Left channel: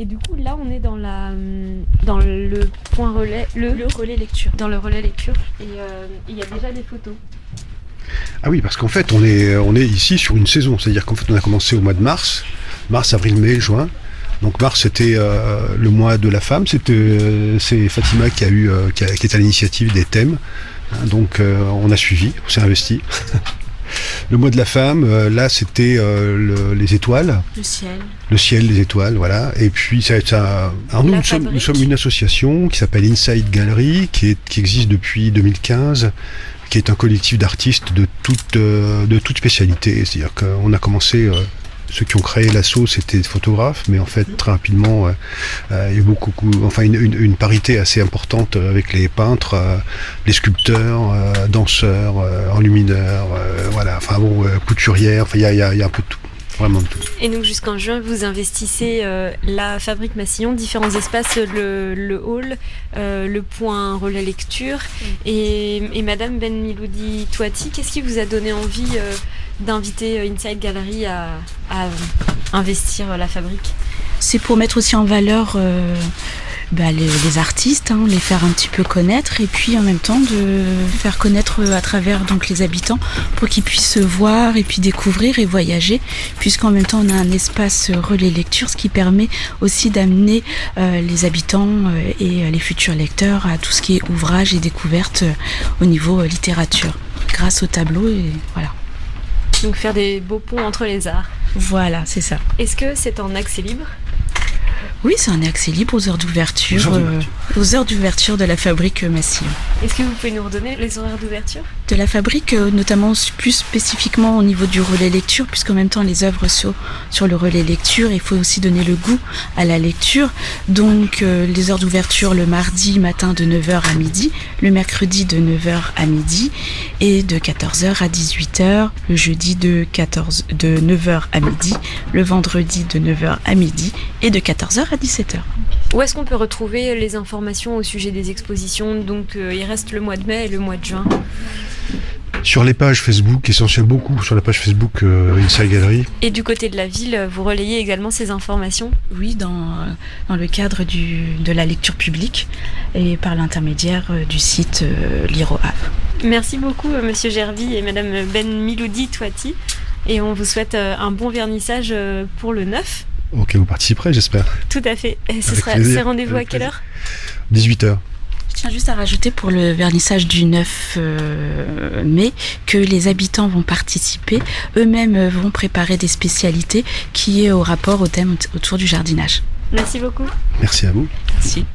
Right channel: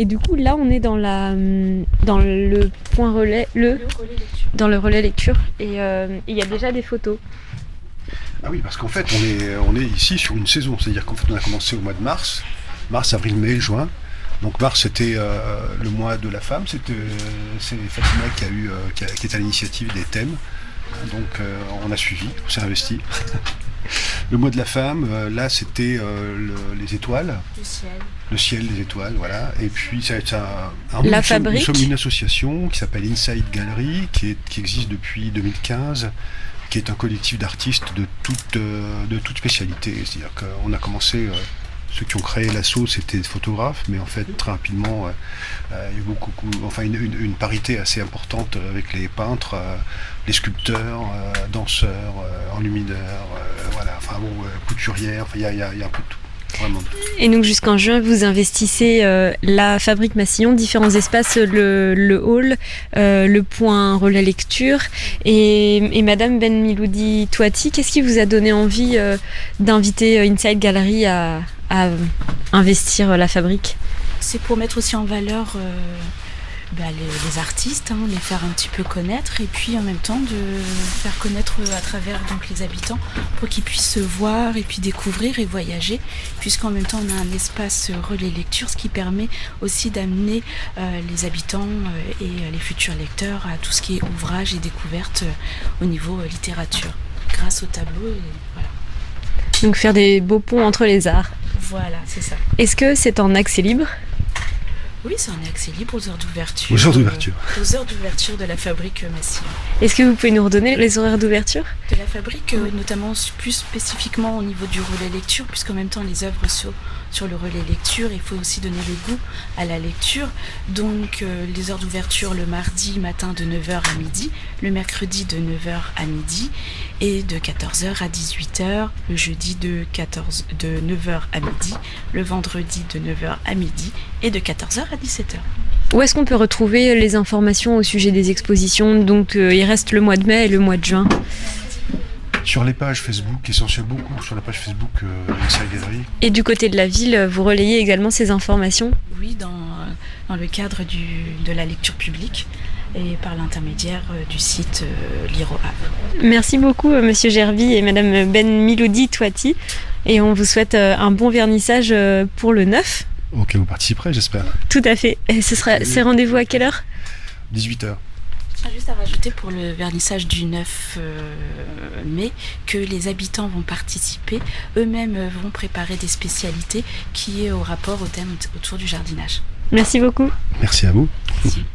Et du coup, là, on est dans le point relais, le relais lecture. Dans le relais lecture. Et il y a déjà des photos. Ah oui, parce qu'en fait, on est ici sur une saison. C'est-à-dire qu'en fait, on a commencé au mois de mars, avril, mai, juin. Donc mars, c'était le mois de la femme. C'est Fatima qui est à l'initiative des thèmes. Donc on a suivi, on s'est investi. Le mois de la femme, là, c'était les étoiles. Le ciel. Le ciel, les étoiles, voilà. Et puis, nous sommes une association qui s'appelle Inside Gallery, qui existe depuis 2015, qui est un collectif d'artistes de toute spécialité. C'est-à-dire qu'on a commencé, ceux qui ont créé l'asso, c'était des photographes, mais en fait, très rapidement, il y a eu une parité assez importante avec les peintres, les sculpteurs, danseurs, enlumineurs, couturières, il y a un peu de tout. Vraiment de tout. Et donc jusqu'en juin, vous investissez la Fabrique Massillon, différents espaces, le hall, le point relais lecture. Et Madame Ben Miloudi Touati, qu'est-ce qui vous a donné envie d'inviter Inside Gallery à investir la Fabrique ? C'est pour mettre aussi en valeur les artistes, les faire un petit peu connaître, et puis en même temps de faire connaître à travers donc les habitants pour qu'ils puissent voir et puis découvrir et voyager, puisqu'en même temps on a un espace relais lecture, ce qui permet aussi d'amener les habitants et les futurs lecteurs à tout ce qui est ouvrage et découverte au niveau littérature, grâce au tableau, et voilà. Donc faire des beaux ponts entre les arts. Voilà, c'est ça. Est-ce que c'est en accès libre ? Oui, c'est un accès libre aux heures d'ouverture. Aux heures d'ouverture de la Fabrique Massillon. Est-ce que vous pouvez nous redonner les horaires d'ouverture ? De la Fabrique, notamment plus spécifiquement au niveau du relais lecture, puisqu'en même temps les œuvres sur le relais lecture, il faut aussi donner le goût à la lecture. Donc les heures d'ouverture le mardi matin de 9h à midi, le mercredi de 9h à midi et de 14h à 18h, le jeudi de 9h à midi, le vendredi de 9h à midi et de 14h à 17h. Où est-ce qu'on peut retrouver les informations au sujet des expositions ? Donc il reste le mois de mai et le mois de juin. Sur les pages Facebook, essentiellement beaucoup sur la page Facebook Inside Gallery. Et du côté de la ville, vous relayez également ces informations ? Oui, dans le cadre de la lecture publique et par l'intermédiaire du site Lire au Havre. Merci beaucoup Monsieur Gervy et Madame Ben Miloudi Touati. Et on vous souhaite un bon vernissage pour le 9. Ok, vous participerez, j'espère. Tout à fait. Et c'est rendez-vous à quelle heure ? 18h. Je tiens juste à rajouter pour le vernissage du 9 mai que les habitants vont participer. Eux-mêmes vont préparer des spécialités qui est au rapport au thème autour du jardinage. Merci beaucoup. Merci à vous. Merci.